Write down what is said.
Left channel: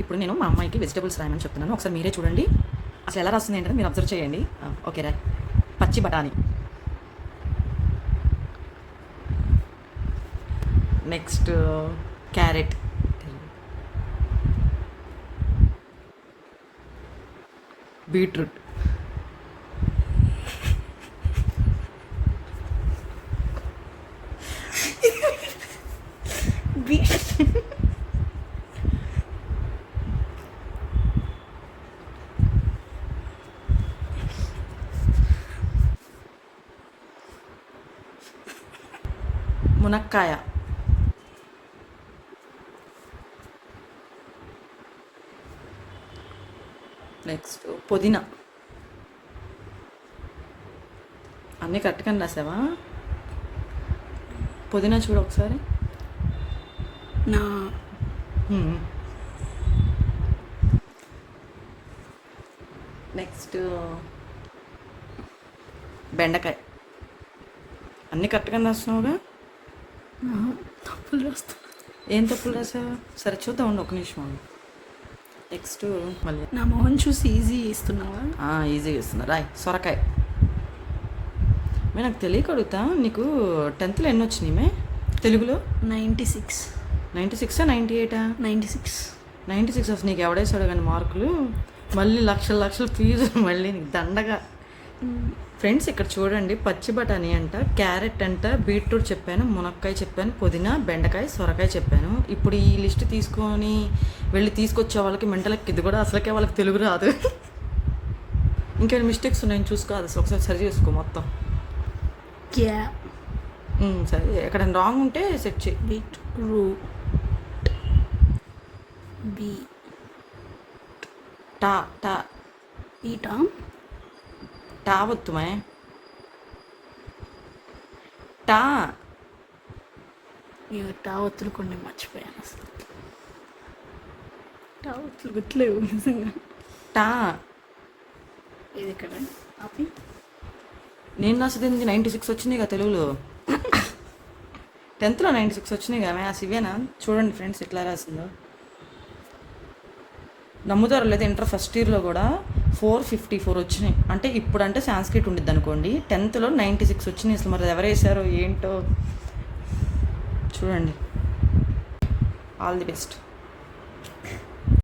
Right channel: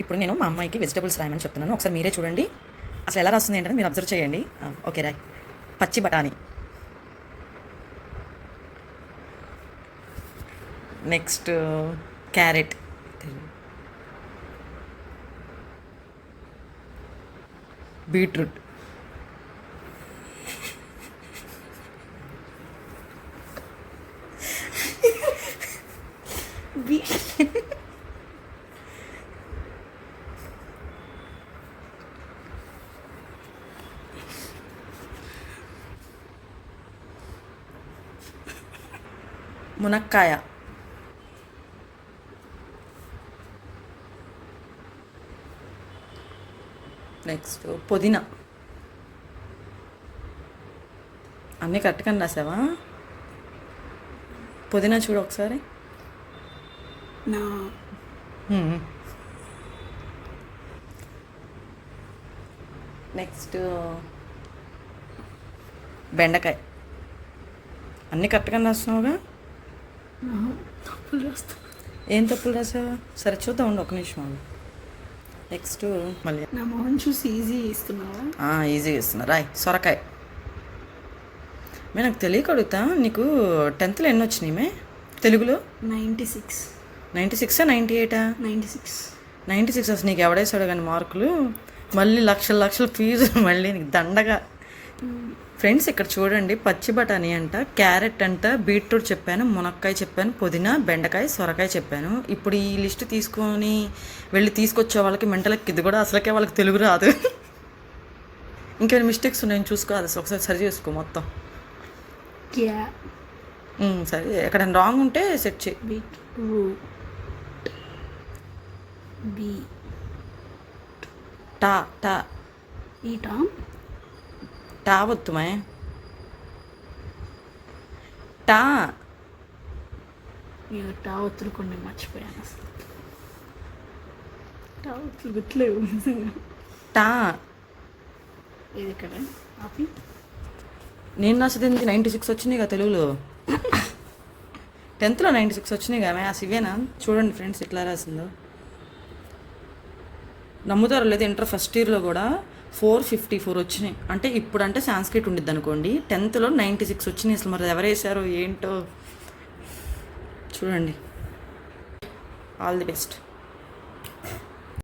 ఇప్పుడు నేను మా అమ్మాయికి వెజిటబుల్స్ రాయమని చెప్తున్నాను. ఒకసారి మీరే చూడండి. అసలు ఎలా రాస్తుంది ఏంటంటే మీరు అబ్జర్వ్ చేయండి. ఓకే రాయ్. పచ్చి బఠానీ. Next carrot. బీట్రూట్. మునక్కాయ. నెక్స్ట్ పుదీనా. అన్నీ కరెక్ట్గా రాసావా? పుదీనా చూడు ఒకసారి. నా నెక్స్ట్ బెండకాయ. అన్నీ కరెక్ట్గా రాస్తున్నావుగా? ఏం తప్పులు రాసావా? సరే చూద్దాం ఉండు ఒక నిమిషం. నెక్స్ట్ మళ్ళీ. నా మొహం చూసి ఈజీ ఇస్తున్నావా ఈజీగా ఇస్తున్నా రాయ్ సొరకాయ. మే నాకు తెలియక అడుగుతా. నీకు టెన్త్లో ఎన్ని వచ్చినాయి మే? తెలుగులో? నైంటీ సిక్స్ నైంటీ సిక్సా నైంటీ ఎయిటా నైంటీ సిక్స్ నైంటీ సిక్స్ అసలు నీకు ఎవడేసాడు కానీ మార్కులు. మళ్ళీ లక్షల లక్షల ఫీజు మళ్ళీ నీకు దండగా. ఫ్రెండ్స్ ఇక్కడ చూడండి పచ్చి బఠానీ అంట క్యారెట్ అంట బీట్రూట్ చెప్పాను మునక్కాయ చెప్పాను పుదీనా బెండకాయ సొరకాయ చెప్పాను. ఇప్పుడు ఈ లిస్ట్ తీసుకొని వెళ్ళి తీసుకొచ్చే వాళ్ళకి మెంటలకి ఇది కూడా అసలుకే వాళ్ళకి తెలుగు రాదు. ఇంకేమైనా మిస్టేక్స్ ఉన్నాయని చూసుకో అది ఒకసారి సరి చేసుకో మొత్తం. సరే ఎక్కడ రాంగ్ ఉంటే సెట్ చేయి. బీ. టా టా. ఈటా? టా వత్తుమే టా. నేను టా ఒత్తులు కొన్ని మర్చిపోయాను అసలు. టా ఒత్తులు గుర్తులేవు టా. ఇది ఇక్కడ? ఆపి. నేను రాసేది నైంటీ సిక్స్ వచ్చినాయి కదా తెలుగులో. టెన్త్లో నైంటీ సిక్స్ వచ్చినాయి కదా ఆ సివేనా? చూడండి ఫ్రెండ్స్ ఎట్లా రాసిందో. నమ్ముతారో లేదా ఇంటర్ ఫస్ట్ ఇయర్లో కూడా ఫోర్ ఫిఫ్టీ ఫోర్ వచ్చినాయి. అంటే ఇప్పుడు అంటే సాంస్క్రిట్ ఉండిద్ది అనుకోండి. టెన్త్లో నైంటీ సిక్స్ వచ్చినాయి అసలు మరి ఎవరు వేశారో ఏంటో? చూడండి. All the best